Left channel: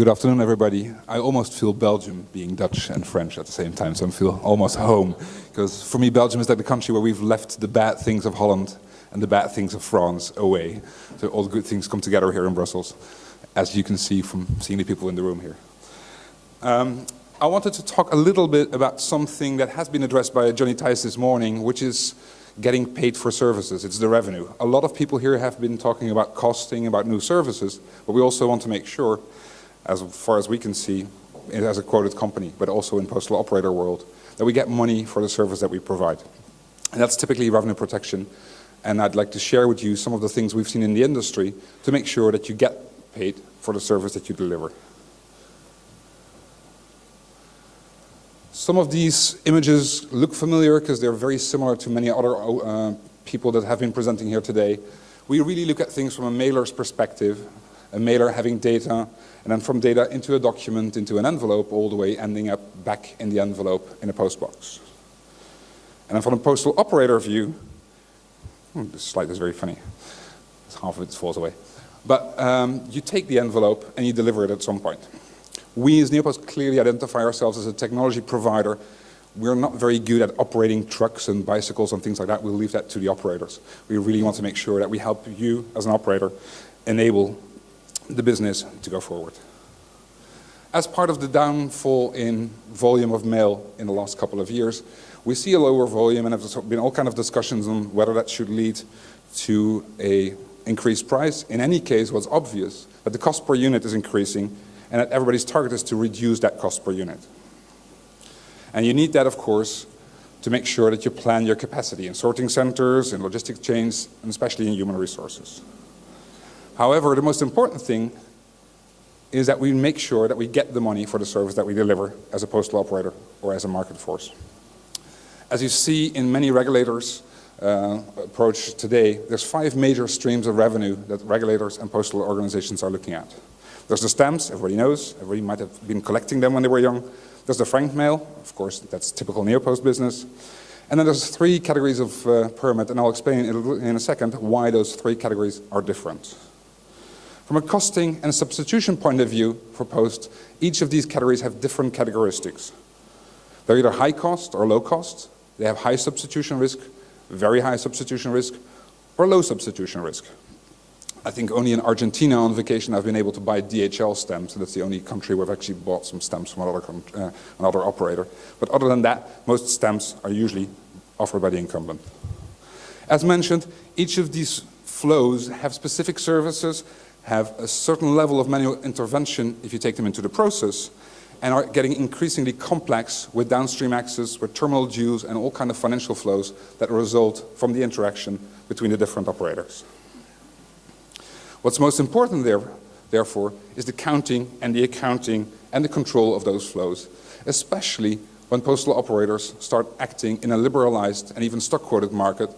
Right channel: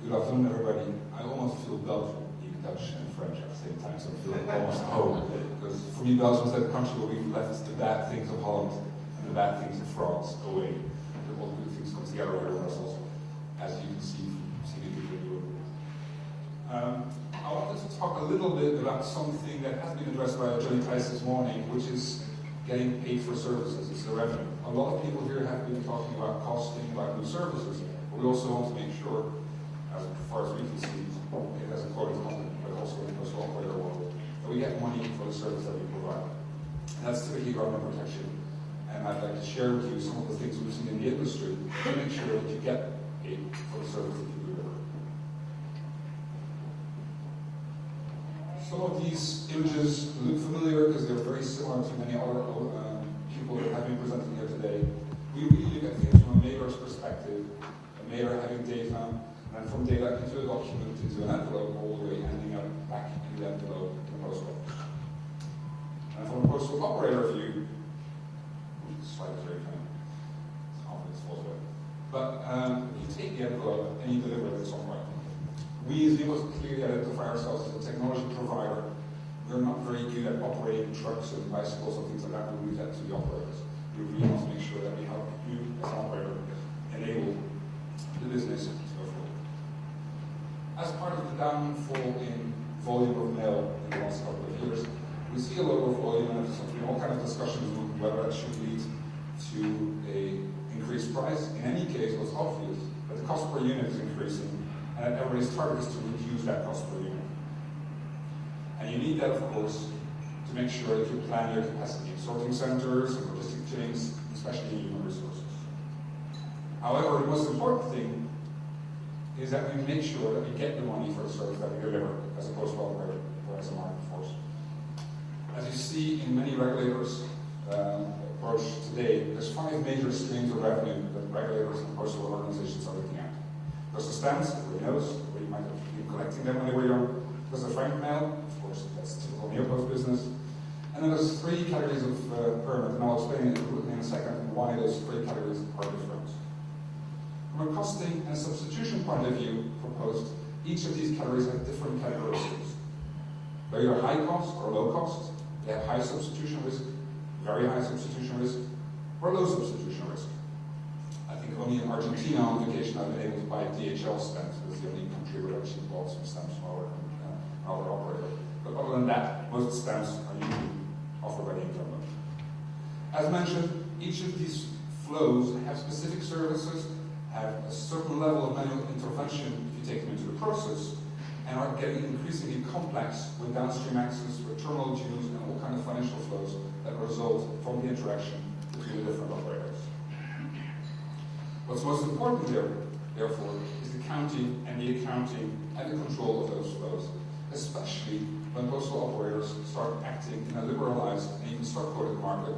Good afternoon, everybody. I almost feel Belgium being Dutch and French at the same time, so I feel almost home. Because for me, Belgium is like the country where we've left the bad things of Holland and the bad things of France away. So all the good things come together here in Brussels, as you can see from seeing the people in the room here. I wanted to talk a little bit about something that has been addressed by Johnny Tice this morning, which is getting paid for services. It's the revenue. A lot of people here have been talking about costing, about new services, but we also want to make sure, as far as we can see, as a quoted company, but also in postal operator world, that we get money for the service that we provide. And that's typically revenue protection. And I'd like to share with you some of the things we've seen in the industry to make sure that you get paid for the service that you deliver. Some of these images look familiar because they're very similar to many other people that have been presenting here today. We really look at things from a mailer's perspective, a mailer having data, and then from data into a document, into an envelope, all the way ending up back in the envelope in a postbox. And then from a postal operator view, this slide is very funny. Half of it falls away. But you take the envelope and you deliver it at some point. We as Neopost clearly identify ourselves as a technology provider. We're not very good at operating trucks and bicycles and things like that. We'll leave that to the operators. We really want to make sure that we help you as an operator enable the business to go forward. As part of the downfall in volume of mail in the last couple of years, we see a lower volume, and there's been all kinds of discussions on whether that should lead to an increased price. In any case, what's obvious, that the cost per unit is increasing, and that everybody's target is to reduce that cost per unit. And you need that, of course, to make sure that you plan your capacity in sorting centers, in logistic chains, and especially in human resources. However, the most important thing is that we make sure that we get the money for the service that we deliver as a postal operator or as a market force. As you see in many regulators' approach today, there's 5 major streams of revenue that regulators and postal organizations are looking at. There's the stamps, everybody knows, everybody might have been collecting them when they were young. There's the frank mail, of course, that's typical Neopost business. And then there's 3 categories of permit, and I'll explain in a second why those 3 categories are different. From a costing and substitution point of view for post, each of these categories have different characteristics. They're either high cost or low cost. They have high substitution risk, very high substitution risk, or low substitution risk. I think only in Argentina on vacation I've been able to buy DHL stamps. That's the only country where I've actually bought some stamps from another operator. But other than that, most stamps are usually offered by the incumbent. As mentioned, each of these flows have specific services, have a certain level of manual intervention if you take them into the process, and are getting increasingly complex with downstream access, with terminal dues, and all kinds of financial flows that result from the interaction between the different operators. What's most important therefore, is the counting and the accounting and the control of those flows, especially when postal operators start acting in a liberalized and even stock-quoted market,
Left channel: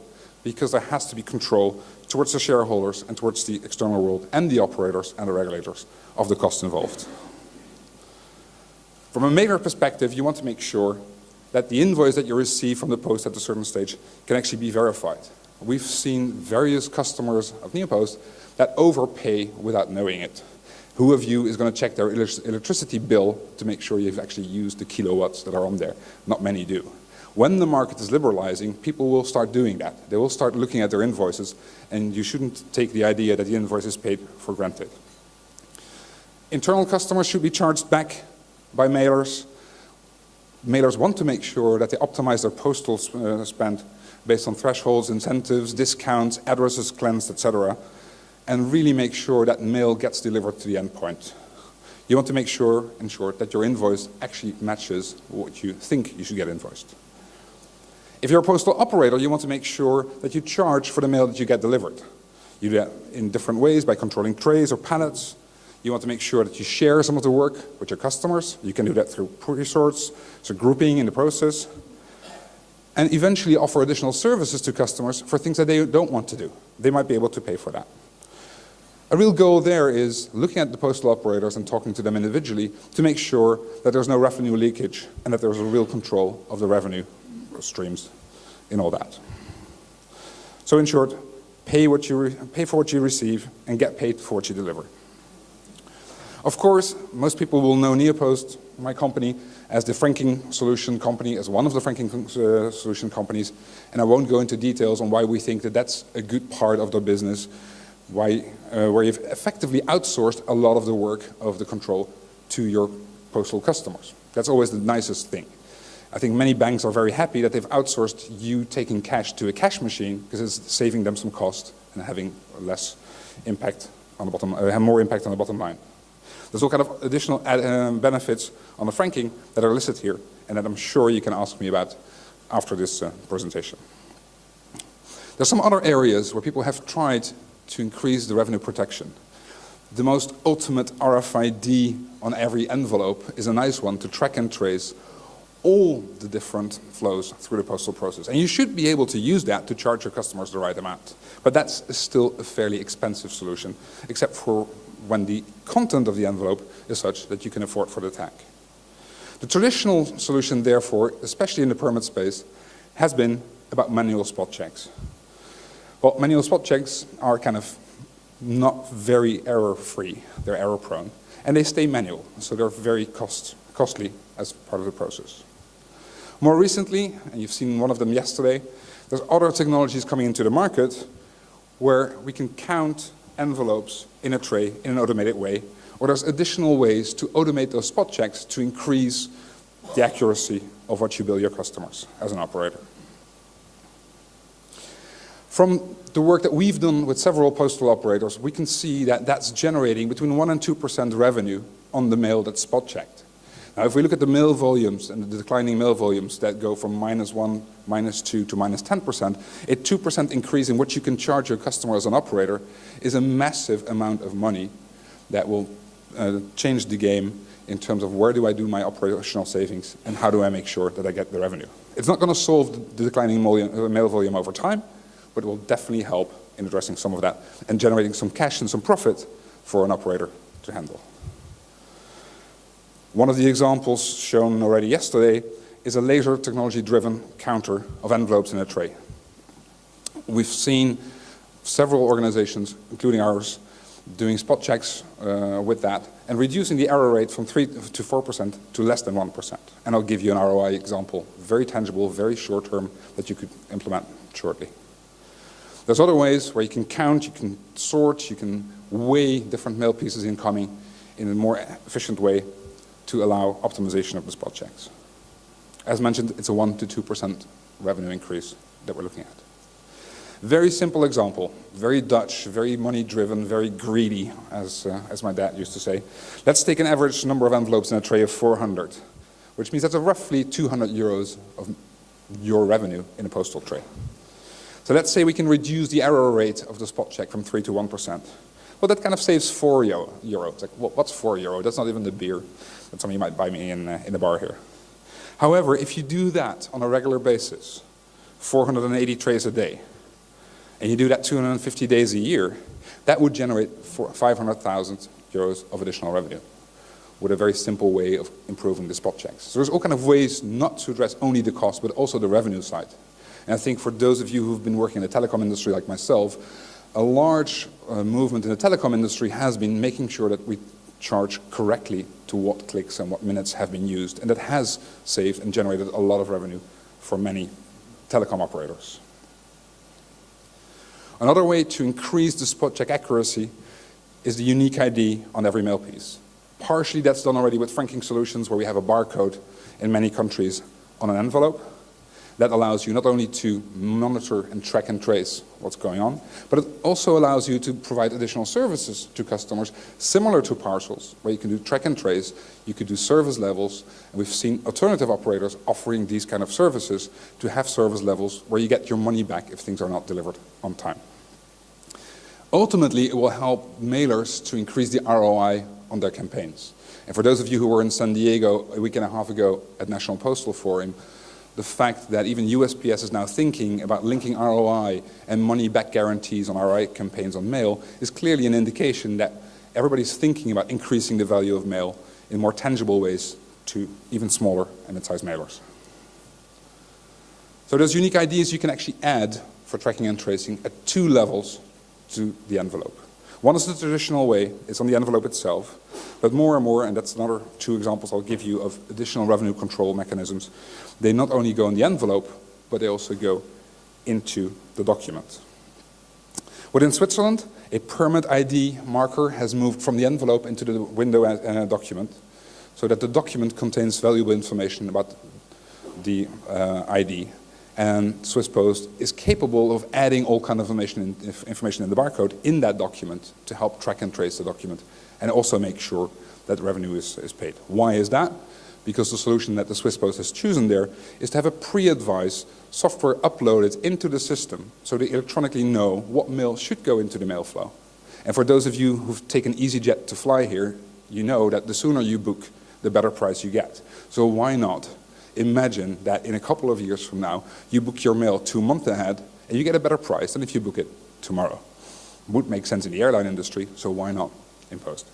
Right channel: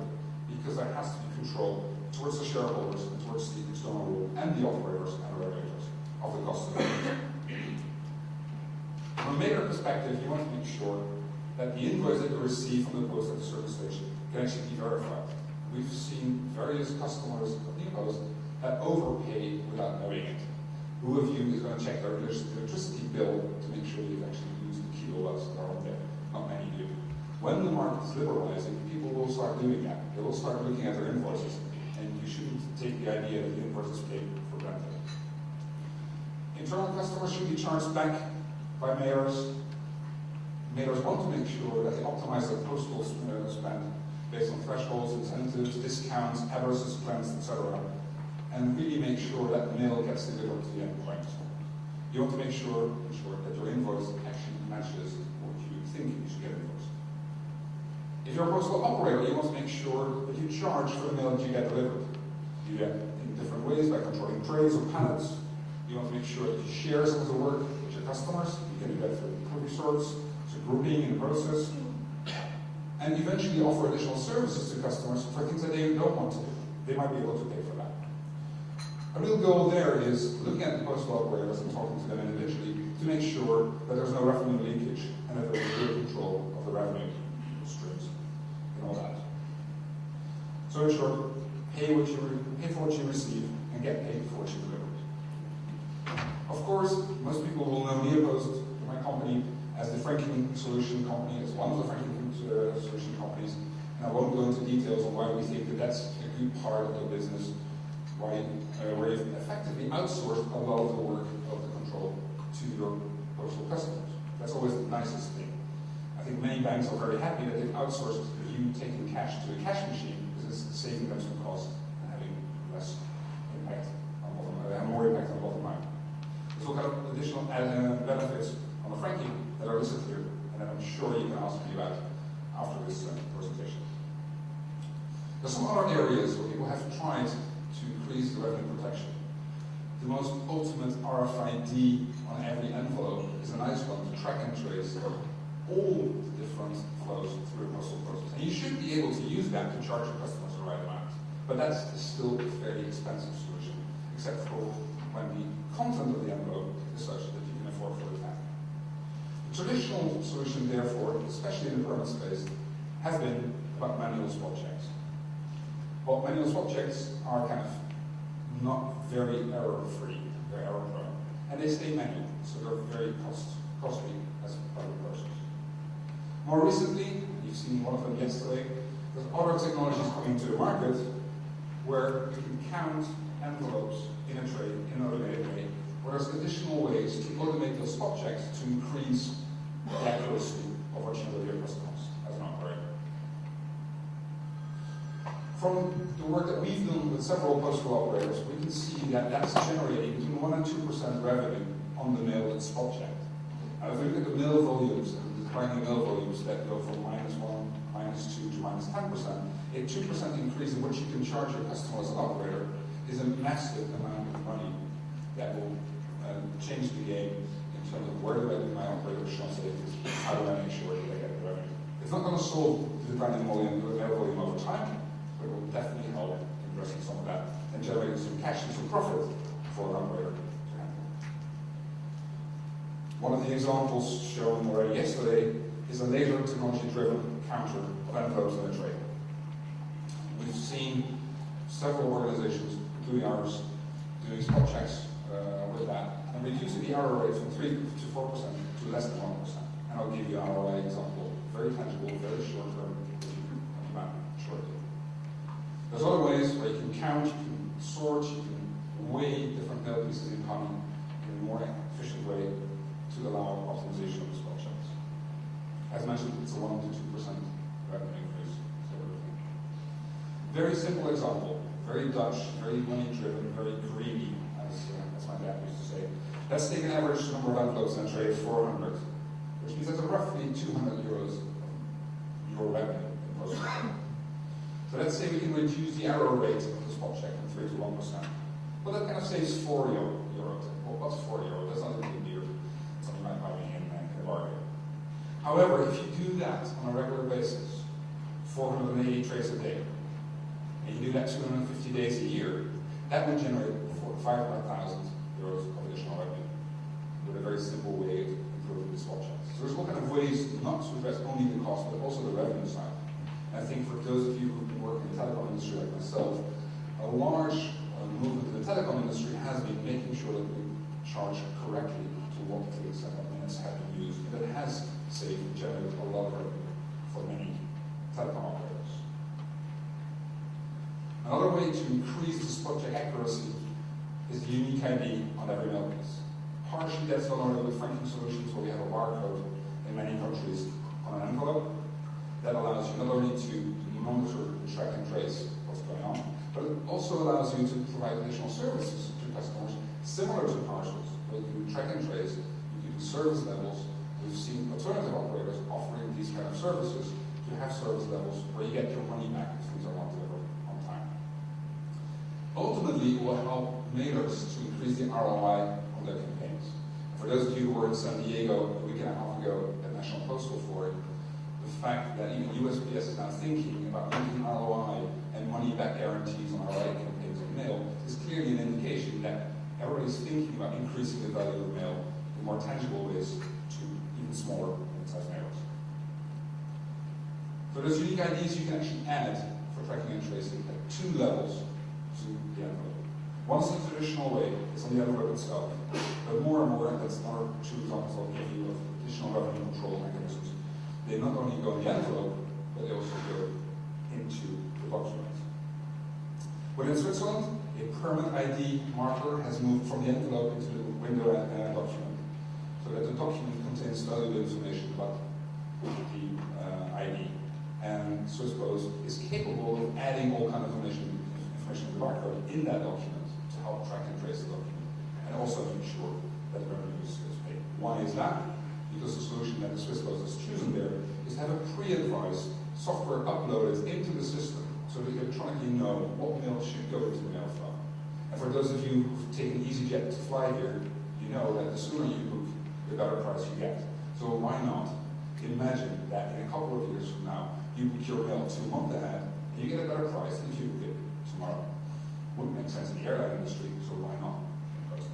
because there has to be control towards the shareholders and towards the external world and the operators and the regulators of the costs involved. From a mailer perspective, you want to make sure that the invoice that you receive from the post at a certain stage can actually be verified. We've seen various customers of Neopost that overpay without knowing it. Who of you is going to check their electricity bill to make sure you've actually used the kilowatts that are on there? Not many do. When the market is liberalizing, people will start doing that. They will start looking at their invoices, and you shouldn't take the idea that the invoice is paid for granted. Internal customers should be charged back by mailers. Mailers want to make sure that they optimize their postal spend based on thresholds, incentives, discounts, addresses cleansed, etc., and really make sure that mail gets delivered to the end point. You want to make sure, in short, that your invoice actually matches what you think you should get invoiced. If you're a postal operator, you want to make sure that you charge for the mail that you get delivered. You do that in different ways, by controlling trays or pallets. You want to make sure that you share some of the work with your customers. You can do that through pre-sorts, so grouping in the process, and eventually offer additional services to customers for things that they don't want to do. They might be able to pay for that. A real goal there is looking at the postal operators and talking to them individually to make sure that there's no revenue leakage and that there's a real control of the revenue streams in all that. So in short, pay for what you receive and get paid for what you deliver. Of course, most people will know Neopost, my company, as the franking solution company, as one of the franking solution companies, and I won't go into details on why we think that that's a good part of the business, where you've effectively outsourced a lot of the work of the control to your postal customers. That's always the nicest thing. I think many banks are very happy that they've outsourced you taking cash to a cash machine because it's saving them some cost and having less impact on the bottom, have more impact on the bottom line. There's all kind of additional benefits on the franking that are listed here and that I'm sure you can ask me about after this presentation. There's some other areas where people have tried to increase the revenue protection. The most ultimate RFID on every envelope is a nice one to track and trace all the different flows through the postal process. And you should be able to use that to charge your customers the right amount. But that's still a fairly expensive solution, except for when the content of the envelope is such that you can afford for the tag. The traditional solution, therefore, especially in the permit space, has been about manual spot checks. Well, manual spot checks are kind of not very error-free. They're error-prone. And they stay manual, so they're very costly as part of the process. More recently, and you've seen one of them yesterday, there's other technologies coming into the market where we can count envelopes in a tray in an automated way, or there's additional ways to automate those spot checks to increase the accuracy of what you bill your customers as an operator. From the work that we've done with several postal operators, we can see that that's generating between 1% and 2% revenue on the mail that's spot checked. Now, if we look at the mail volumes and the declining mail volumes that go from -1, -2 to -10%, a 2% increase in what you can charge your customer as an operator is a massive amount of money that will change the game in terms of where do I do my operational savings and how do I make sure that I get the revenue. It's not going to solve the declining mail volume over time, but it will definitely help in addressing some of that and generating some cash and some profit for an operator to handle. One of the examples shown already yesterday is a laser technology-driven counter of envelopes in a tray. We've seen several organizations, including ours, doing spot checks with that and reducing the error rate from 3 to 4% to less than 1%. And I'll give you an ROI example, very tangible, very short-term, that you could implement shortly. There's other ways where you can count, you can sort, you can weigh different mail pieces incoming in a more efficient way to allow optimization of the spot checks. As mentioned, it's a 1% to 2% revenue increase that we're looking at. Very simple example, very Dutch, very money-driven, very greedy, as my dad used to say. Let's take an average number of envelopes in a tray of 400, which means that's roughly 200 euros of your revenue in a postal tray. So let's say we can reduce the error rate of the spot check from 3 to 1%. Well, that kind of saves €4. Like, well, what's €4? That's not even the beer that somebody might buy me in the bar here. However, if you do that on a regular basis, 480 trays a day, and you do that 250 days a year, that would generate 500,000 euros of additional revenue with a very simple way of improving the spot checks. So there's all kind of ways not to address only the cost, but also the revenue side. And I think for those of you who've been working in the telecom industry like myself, a large movement in the telecom industry has been making sure that we charge correctly to what clicks and what minutes have been used, and that has saved and generated a lot of revenue for many telecom operators. Another way to increase the spot check accuracy is the unique ID on every mail piece. Partially that's done already with franking solutions where we have a barcode in many countries on an envelope. That allows you not only to monitor and track and trace what's going on, but it also allows you to provide additional services to customers similar to parcels, where you can do track and trace, you could do service levels, and we've seen alternative operators offering these kind of services to have service levels where you get your money back if things are not delivered on time. Ultimately, it will help mailers to increase the ROI on their campaigns. And for those of you who were in San Diego a week and a half ago at National Postal Forum, the fact that even USPS is now thinking about linking ROI and money-back guarantees on ROI campaigns on mail is clearly an indication that everybody's thinking about increasing the value of mail in more tangible ways to even smaller and mid-sized mailers. So those unique IDs you can actually add for tracking and tracing at 2 levels to the envelope. One is the traditional way, it's on the envelope itself, but more and more, and that's another 2 examples I'll give you of additional revenue control mechanisms, they not only go on the envelope, but they also go into the document. Within Switzerland, a permit ID marker has moved from the envelope into the window document, so that the document contains valuable information about the ID. And Swiss Post is capable of adding all kind of information in the barcode in that document to help track and trace the document and also make sure that revenue is paid. Why is that? Because the solution that the Swiss Post has chosen there is to have a pre-advised software uploaded into the system so they electronically know what mail should go into the mail flow. And for those of you who've taken EasyJet to fly here, you know that the sooner you book, the better price you get. So why not imagine that in a couple of years from now, you book your mail 2 months ahead and you get a better price than if you book it tomorrow. Would make sense in the airline industry, so why not in Post?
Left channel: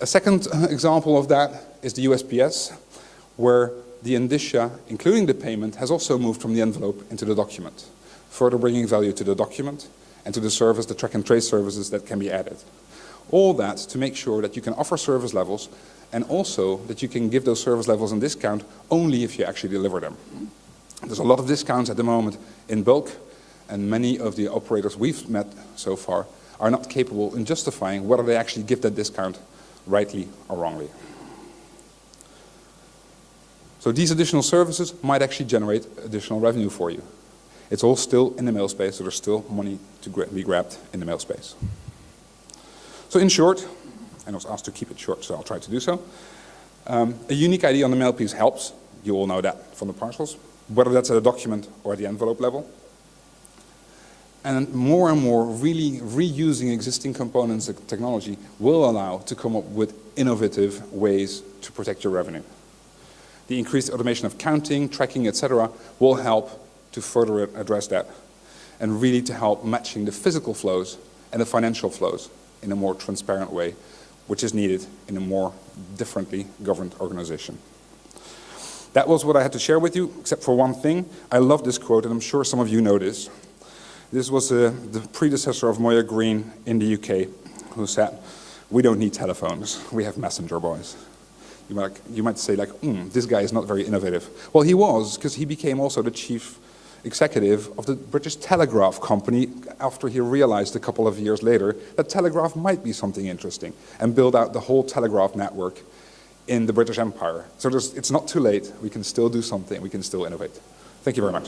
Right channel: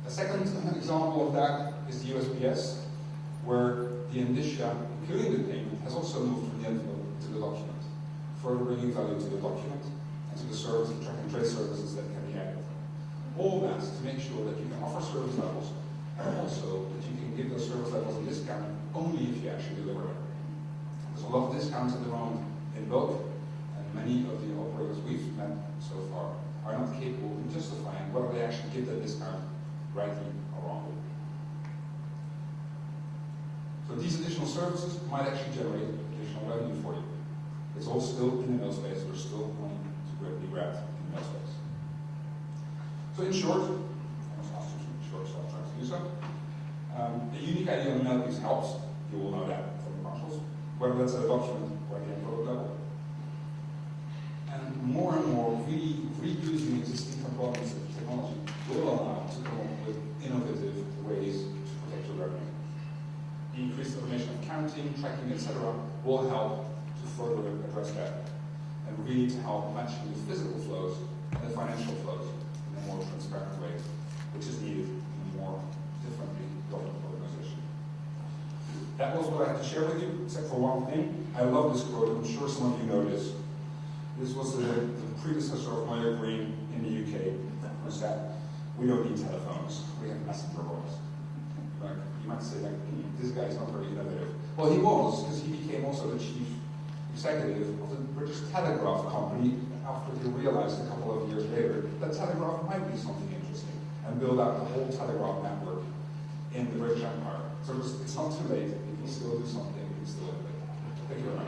A second example of that is the USPS, where the indicia, including the payment, has also moved from the envelope into the document, further bringing value to the document and to the service, the track and trace services that can be added. All that to make sure that you can offer service levels and also that you can give those service levels on discount only if you actually deliver them. There's a lot of discounts at the moment in bulk, and many of the operators we've met so far are not capable in justifying whether they actually give that discount rightly or wrongly. So these additional services might actually generate additional revenue for you. It's all still in the mail space, so there's still money to be grabbed in the mail space. So in short, and I was asked to keep it short, so I'll try to do so. A unique ID on the mail piece helps. You all know that from the parcels, whether that's at a document or at the envelope level. And more really reusing existing components and technology will allow to come up with innovative ways to protect your revenue. The increased automation of counting, tracking, etc. will help to further address that and really to help matching the physical flows and the financial flows in a more transparent way, which is needed in a more differently governed organization. That was what I had to share with you, except for one thing. I love this quote, and I'm sure some of you know this. This was the predecessor of Moya Green in the UK, who said, "We don't need telephones, we have messenger boys." You might say, like, this guy is not very innovative. Well, he was, because he became also the chief executive of the British Telegraph Company after he realized a couple of years later that telegraph might be something interesting and build out the whole telegraph network in the British Empire. So it's not too late. We can still do something. We can still innovate. Thank you very much.